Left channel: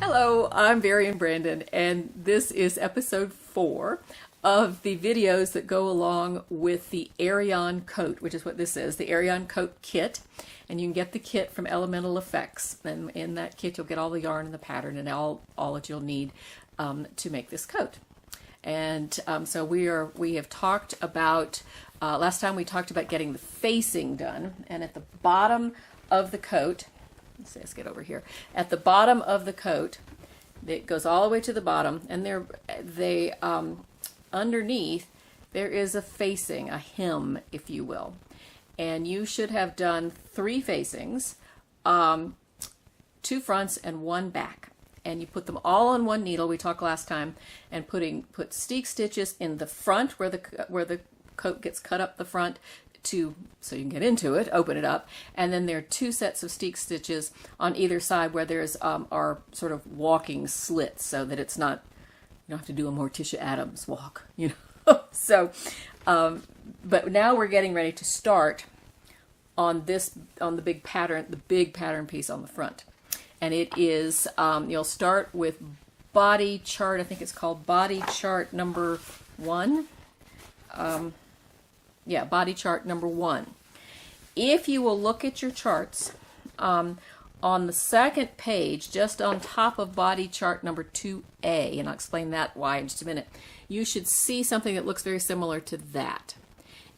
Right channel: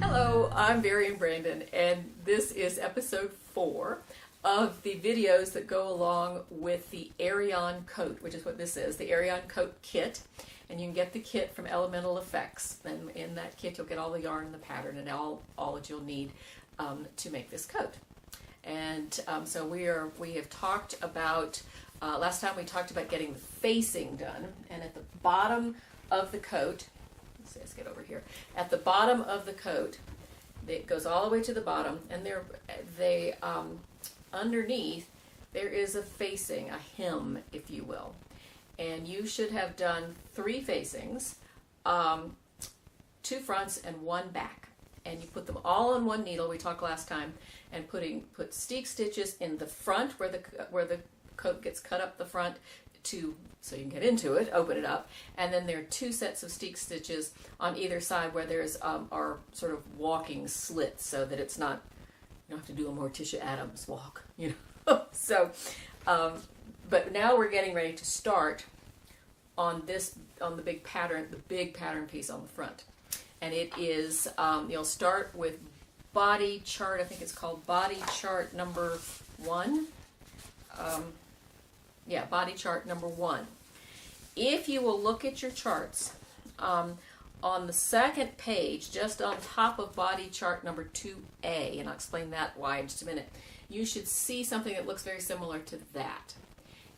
Hello, I'm Aerion Brandon, and this is episode 4 of the videos that go along with the Aerion coat, which is what this is, the Aerion coat kit. And you can get the kit from Elemental Effects. And in that kit, you'll get all the yarn and the pattern and all that you'll need to make this coat. And so we have talked about, last time we talked about getting the facing done. And at the bottom of the coat, let's get over here. At the bottom of the coat, it goes all the way to the bottom, and underneath there is a facing, a hem, if you will. And you should have done 3 facings, 2 fronts and 1 back. And you put them all on one needle. We talked last time, and put steek stitches in the front where the coat gets cut up the front, so you can get into it, open it up, and then there are 2 sets of steek stitches on either side where there's our sort of walking slits, so that it's not, you don't have to do a Morticia Adams walk, you know. So, but now we're getting ready to start on the big pattern piece on the front, and it is you'll start with body chart. I think it's called body chart number 1. Yeah, body chart number 1. If you will look at your charts, on the second page, just on top of body chart number 2A, and I'll explain that why in just a minute, you should see something that looks very similar to that.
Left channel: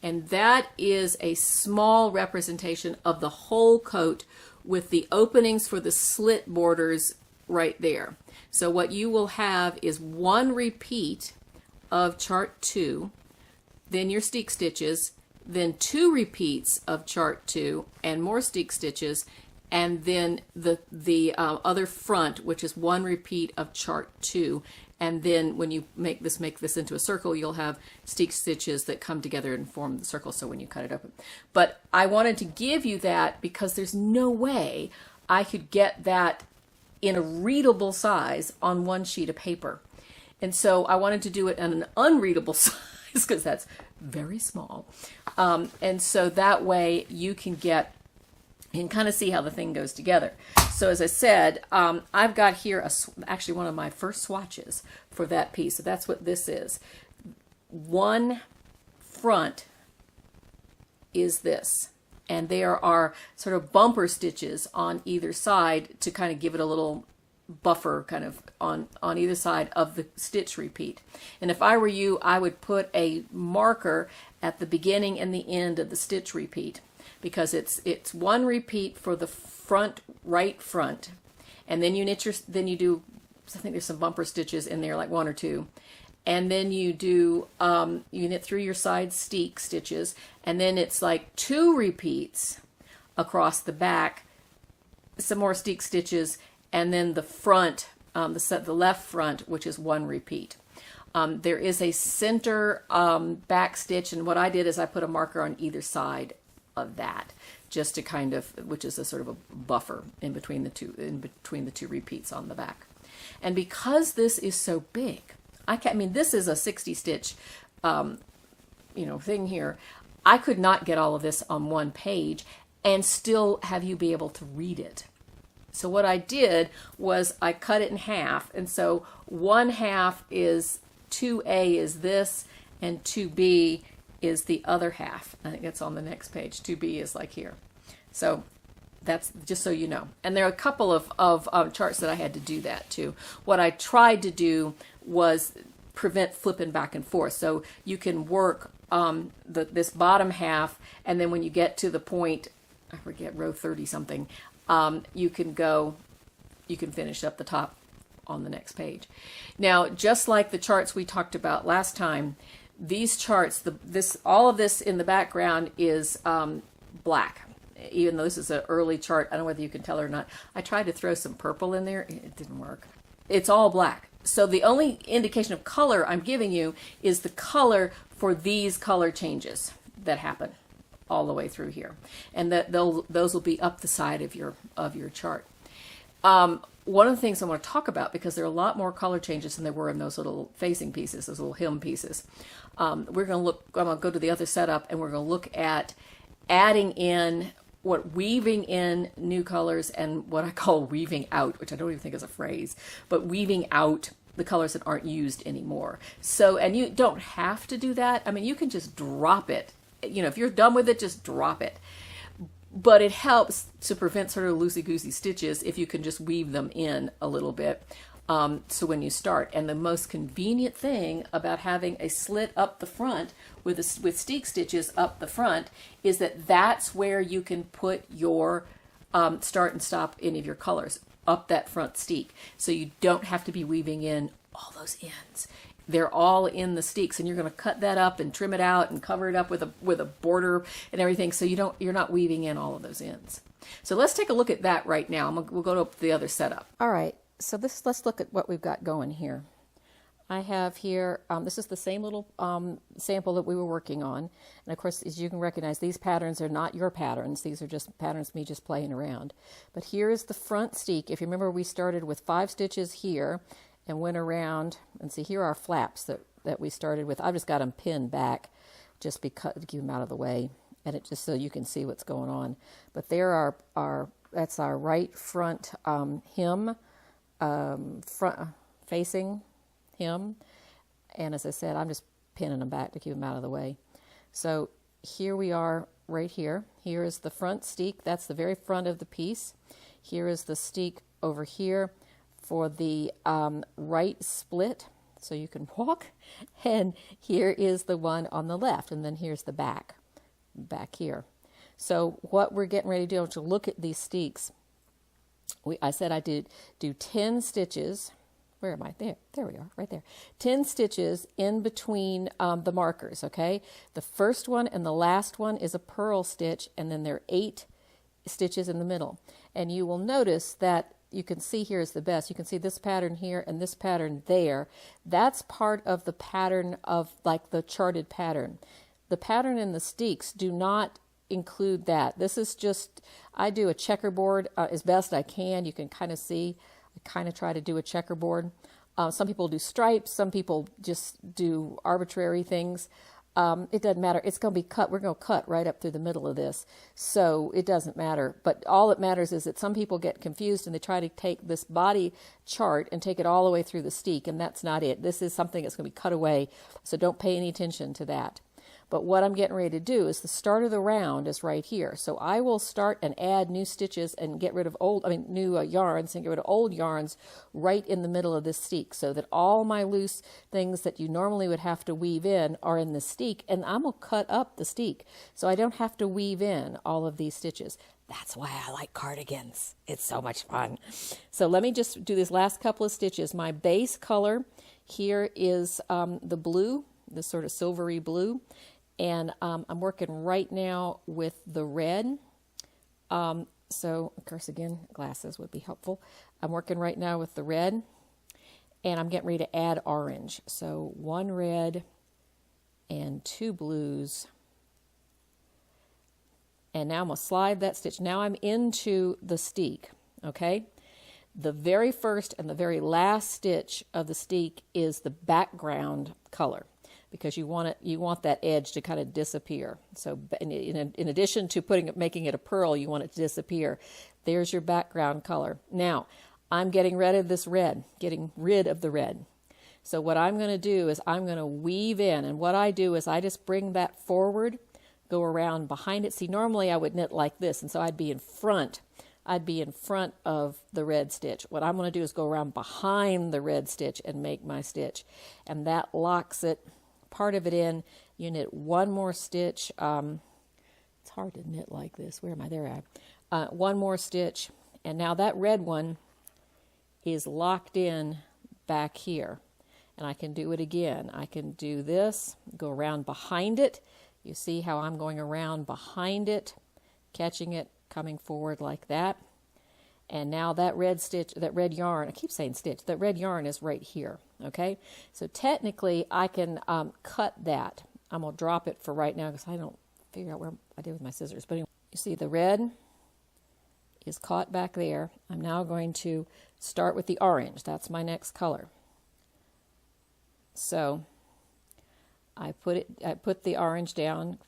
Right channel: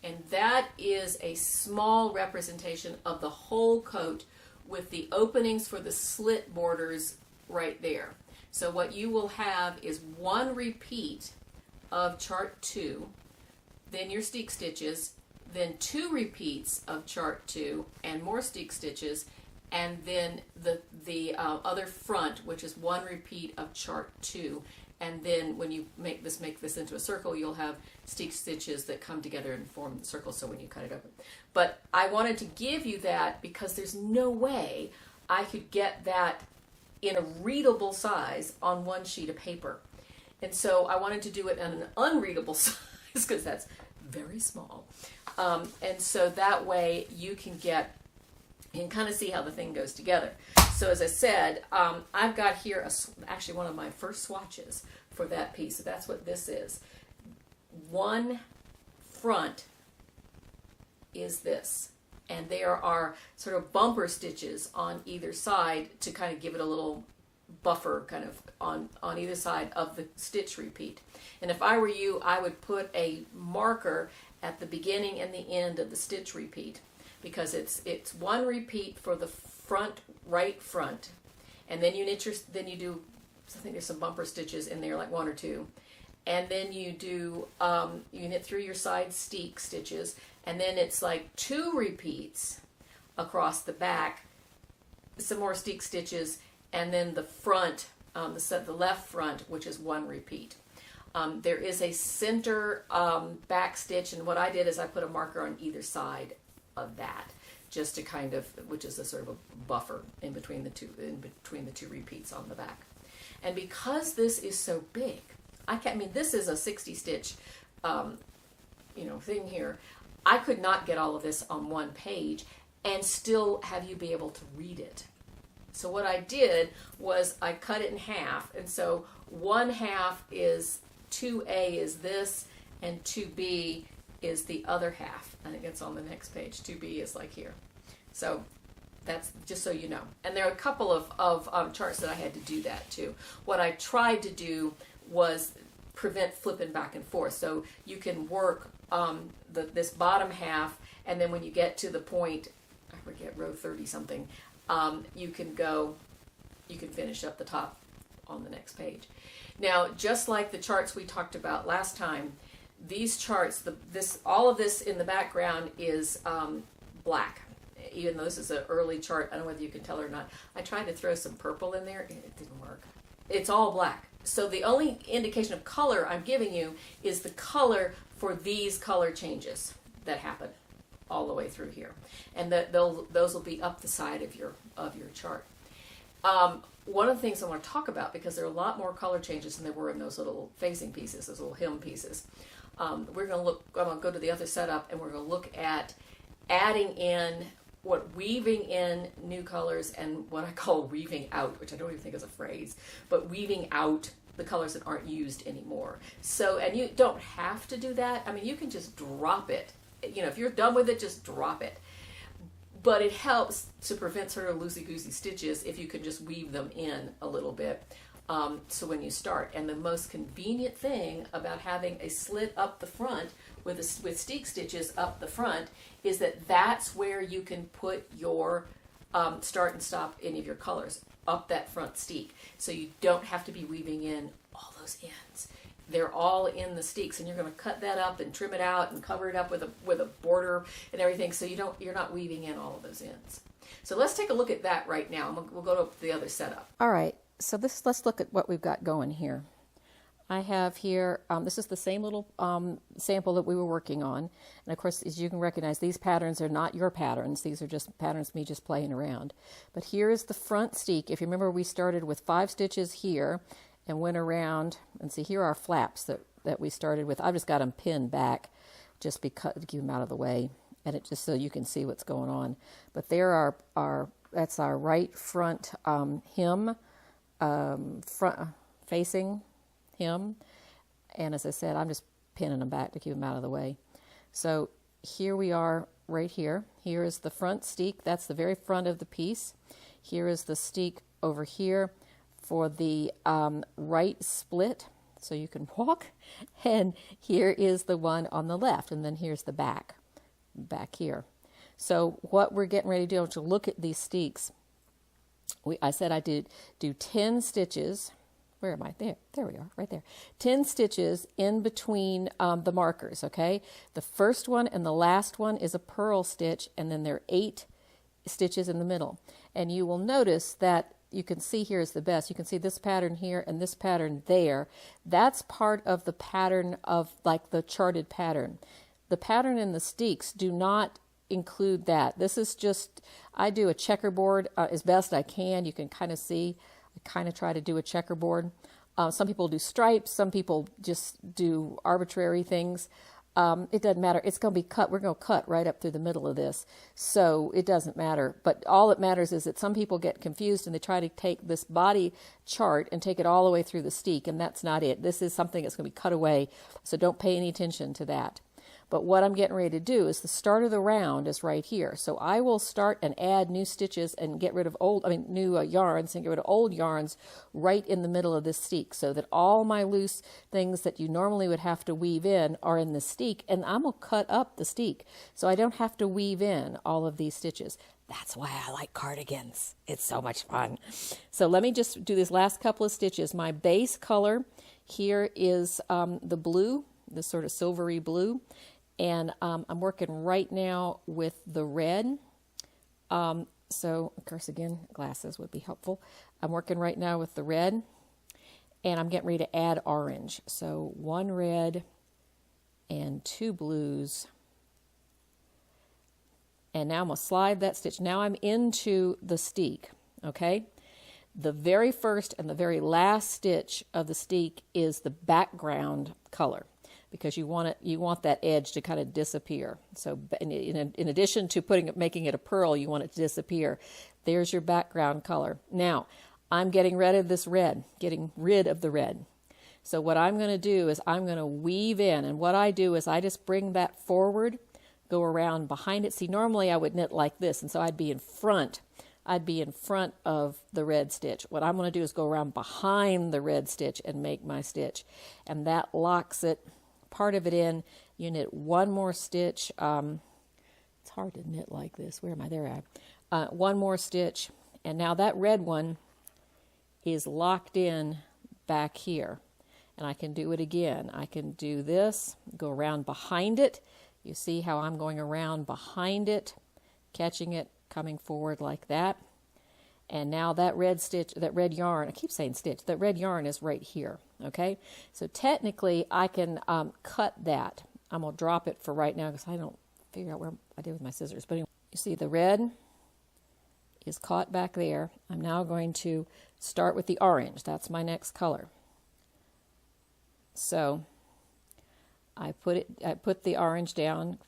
And that is a small representation of the whole coat with the openings for the slit borders right there. So what you will have is 1 repeat of chart 2, then your steek stitches, then 2 repeats of chart 2 and more steek stitches, and then the other front, which is 1 repeat of chart 2. And then when you make this into a circle, you'll have steek stitches that come together and form the circle, so when you cut it open. But I wanted to give you that because there's no way I could get that in a readable size on 1 sheet of paper. And so I wanted to do it in an unreadable size, because that's very small, and so that way you can kind of see how the thing goes together. So as I said, I've got here actually one of my first swatches for that piece. So that's what this is. 1 front is this, and there are sort of bumper stitches on either side to kind of give it a little buffer kind of on either side of the stitch repeat. And if I were you, I would put a marker at the beginning and the end of the stitch repeat, because it's 1 repeat for the right front, and then you do, I think there's some bumper stitches in there, like 1 or 2, and then you do you knit through your side steek stitches, and then it's like 2 repeats across the back, some more steek stitches, and then the front, the left front, which is 1 repeat. There is a center back stitch, and what I did is I put a marker on either side of that, just to kind of, which is a sort of a buffer in between the two repeats on the back. And because this is so big, I mean, this is a 60 stitch, thing here. I could not get all of this on 1 page and still have you be able to read it. So what I did was I cut it in half, and so 1/2 is 2A is this, and 2B is the other half. I think it's on the next page. 2B is like here. So that's just so you know. And there are a couple of charts that I had to do that too. What I tried to do was prevent flipping back and forth. So you can work this bottom half, and then when you get to the point, I forget, row 30 something, you can finish up the top on the next page. Now, just like the charts we talked about last time, these charts, all of this in the background is black. Even though this is an early chart, I don't know whether you can tell or not. I tried to throw some purple in there. It didn't work. It's all black. So the only indication of color I'm giving you is the color for these color changes that happen all the way through here. And those will be up the side of your chart. one of the things I want to talk about, because there are a lot more color changes than there were in those little facing pieces, those little hem pieces. I'm going to go to the other setup, and we're going to look at adding in, weaving in new colors, and what I call weaving out, which I don't even think is a phrase, but weaving out the colors that aren't used anymore. So, and you don't have to do that. I mean, you can just drop it. You know, if you're done with it, just drop it. But it helps to prevent sort of loosey-goosey stitches if you can just weave them in a little bit. So when you start, and the most convenient thing about having a slit up the front with steek stitches up the front is that that's where you can put your start and stop any of your colors, up that front steek. So you don't have to be weaving in all those ends. They're all in the steeks, and you're going to cut that up and trim it out and cover it up with a border and everything, so you're not weaving in all of those ends. So let's take a look at that right now. We'll go to the other setup. All right, so let's look at what we've got going here. I have here, this is the same little sample that we were working on. And of course, as you can recognize, these patterns are not your patterns. These are just patterns me just playing around. But here is the front steek. If you remember, we started with 5 stitches here and went around, and see, here are flaps that we started with. I've just got them pinned back just because to keep them out of the way, and it just so you can see what's going on. But there are that's our right front hem, front facing hem, and as I said, I'm just pinning them back to keep them out of the way. So here we are right here. Here is the front steek. That's the very front of the piece. Here is the steek over here for the right split, so you can walk, and here is the one on the left, and then here's the back here. So what we're getting ready to do, to look at these steeks, I said I did do 10 stitches. Where am I? There we are, right there. 10 stitches in between the markers, okay? The first one and the last one is a purl stitch, and then there are 8 stitches in the middle. And you will notice that you can see here is the best. You can see this pattern here and this pattern there. That's part of the pattern of like the charted pattern. The pattern in the steeks do not include that. This is just, I do a checkerboard as best I can. You can kind of see, I kind of try to do a checkerboard. Some people do stripes. Some people just do arbitrary things. It doesn't matter. It's going to be cut. We're going to cut right up through the middle of this. So it doesn't matter. But all that matters is that some people get confused and they try to take this body chart and take it all the way through the steek, and that's not it. This is something that's going to be cut away, so don't pay any attention to that. But what I'm getting ready to do is the start of the round is right here. So I will start and add new stitches and get rid of new yarns and get rid of old yarns right in the middle of this steek, so that all my loose things that you normally would have to weave in are in the steek, and I'm going to cut up the steek so I don't have to weave in all of these stitches. That's why I like cardigans. It's so much fun. So let me just do this last couple of stitches. My base color here is the blue, the sort of silvery blue. And I'm working right now with the red. So, of course, again, glasses would be helpful. I'm working right now with the red, and I'm getting ready to add orange. So 1 red and 2 blues. And now I'm going to slide that stitch. Now I'm into the steek, okay? The very first and the very last stitch of the steek is the background color, because you want that edge to kind of disappear. So in addition to making it a purl, you want it to disappear. There's your background color. Now, I'm getting rid of this red, getting rid of the red. So what I'm going to do is I'm going to weave in, and what I do is I just bring that forward, go around behind it. See, normally I would knit like this, and so I'd be in front of the red stitch. What I'm going to do is go around behind the red stitch and make my stitch, and that locks it, part of it in. You knit 1 more stitch. It's hard to knit like this. Where am I? There I am. 1 more stitch, and now that red one is locked in back here, and I can do it again. I can do this, go around behind it. You see how I'm going around behind it, catching it, coming forward like that. And now that red stitch, that red yarn, I keep saying stitch, that red yarn is right here, okay? So technically I can cut that. I'm going to drop it for right now because I don't figure out where I did with my scissors. But anyway, you see the red is caught back there. I'm now going to start with the orange. That's my next color. So I put the orange down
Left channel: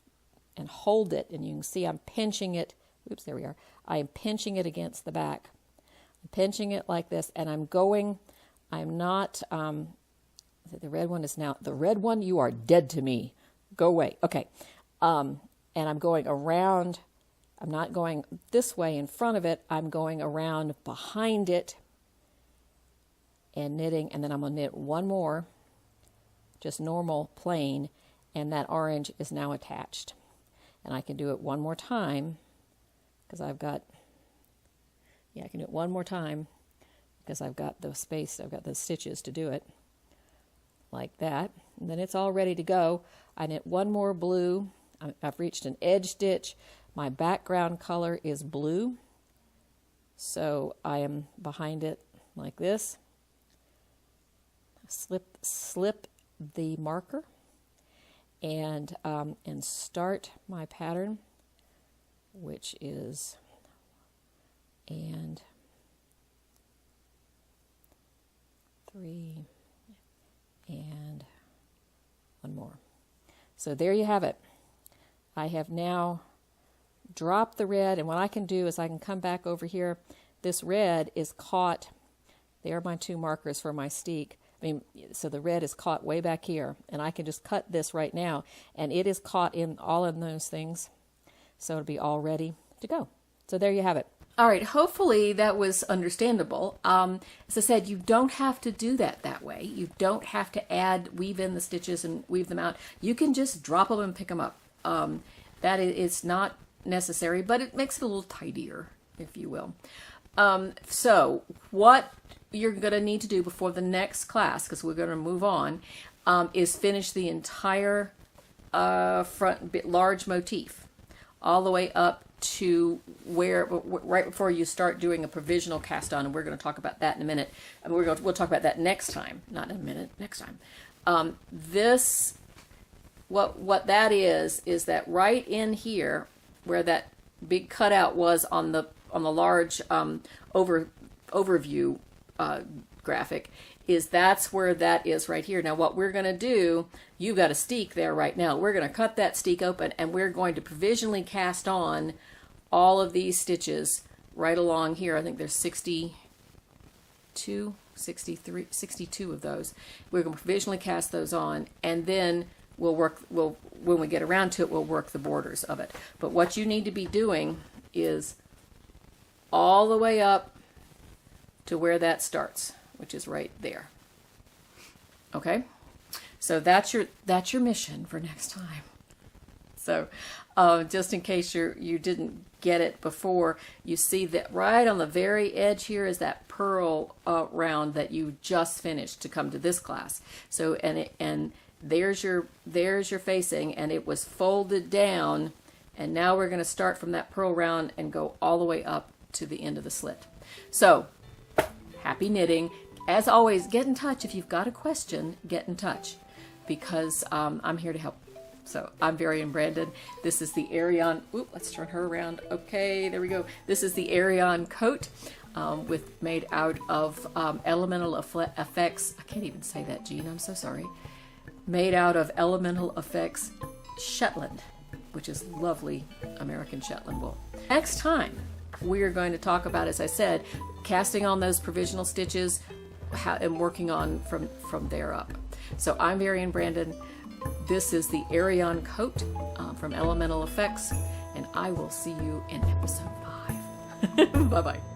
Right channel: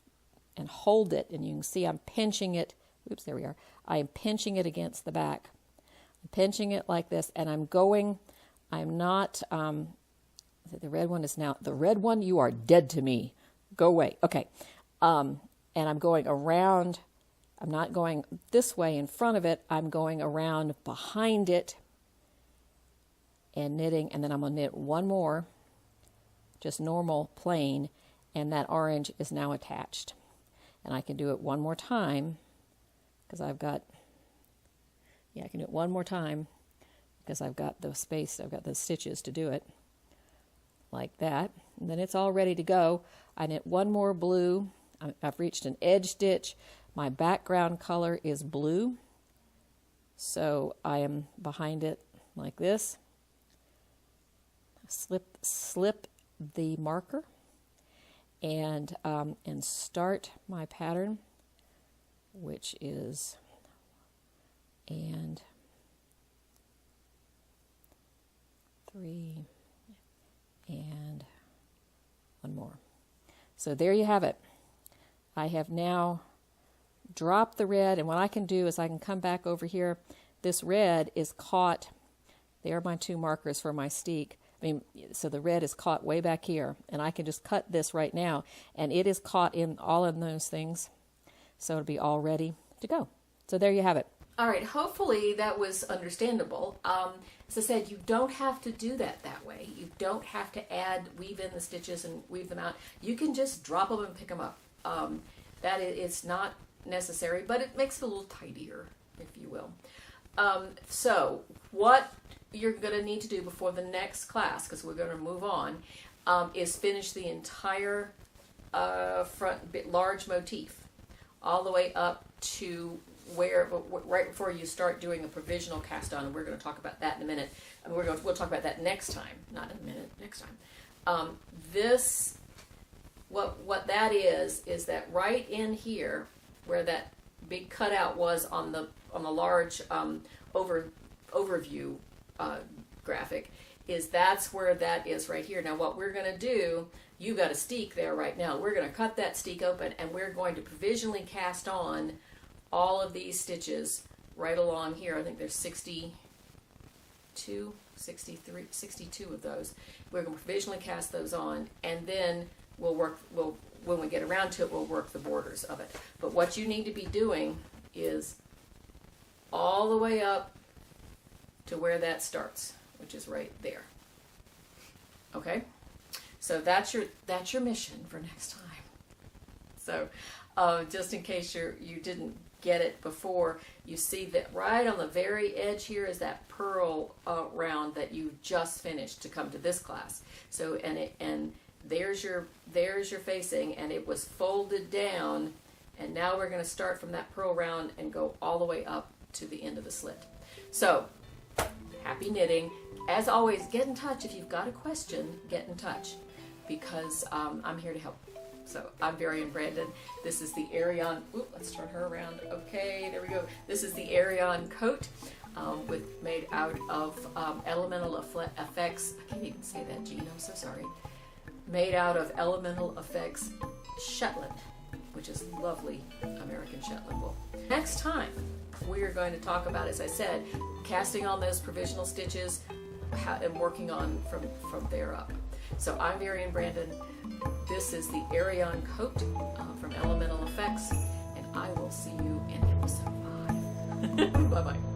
and hold it, and you can see I'm pinching it. Oops, there we are. I am pinching it against the back. I'm pinching it like this, and I'm not, the red one is now, the red one, you are dead to me. Go away. Okay. And I'm going around. I'm not going this way in front of it. I'm going around behind it and knitting, and then I'm going to knit one more, just normal, plain, and that orange is now attached. And I can do it one more time because I can do it one more time because I've got the space, I've got the stitches to do it like that. And then it's all ready to go. I knit one more blue. I've reached an edge stitch. My background color is blue, so I am behind it like this. Slip the marker and start my pattern, which is and 3 and one more. So there you have it. I have now dropped the red, and what I can do is I can come back over here. This red is caught. There are my two markers for my steek. So the red is caught way back here, and I can just cut this right now, and it is caught in all of those things. So it'll be all ready to go. So there you have it. All right, hopefully that was understandable. As I said, you don't have to do that way. You don't have to weave in the stitches and weave them out. You can just drop them and pick them up. That is not necessary, but it makes it a little tidier, if you will. So what you're going to need to do before the next class, because we're going to move on, is finish the entire large motif all the way up to right before you start doing a provisional cast on, and we're going to talk about that in a minute. And we'll talk about that next time, not in a minute, next time. What that is that right in here where that big cutout was on the large overview graphic, that's where that is right here. Now what we're going to do, you've got a steek there right now. We're going to cut that steek open, and we're going to provisionally cast on all of these stitches right along here. I think there's 62 of those. We're going to provisionally cast those on, and then when we get around to it, we'll work the borders of it. But what you need to be doing is all the way up to where that starts, which is right there. Okay? So that's your mission for next time. So just in case you didn't get it before, you see that right on the very edge here is that purl round that you just finished to come to this class. So and there's your facing, and it was folded down, and now we're going to start from that purl round and go all the way up to the end of the slit. So happy knitting. As always, get in touch. If you've got a question, get in touch, because I'm here to help. So I'm Aerion Brandon. This is the Aerion. Let's turn her around. Okay, there we go. This is the Aerion coat made out of Elemental Effects. I can't even say that, Gene. I'm so sorry. Made out of Elemental Effects Shetland, which is lovely American Shetland wool. Next time, we are going to talk about, as I said, casting on those provisional stitches and working on from there up. So I'm Aerion Brandon. This is the Aerion coat from Elemental Effects, and I will see you in episode 5. Bye-bye.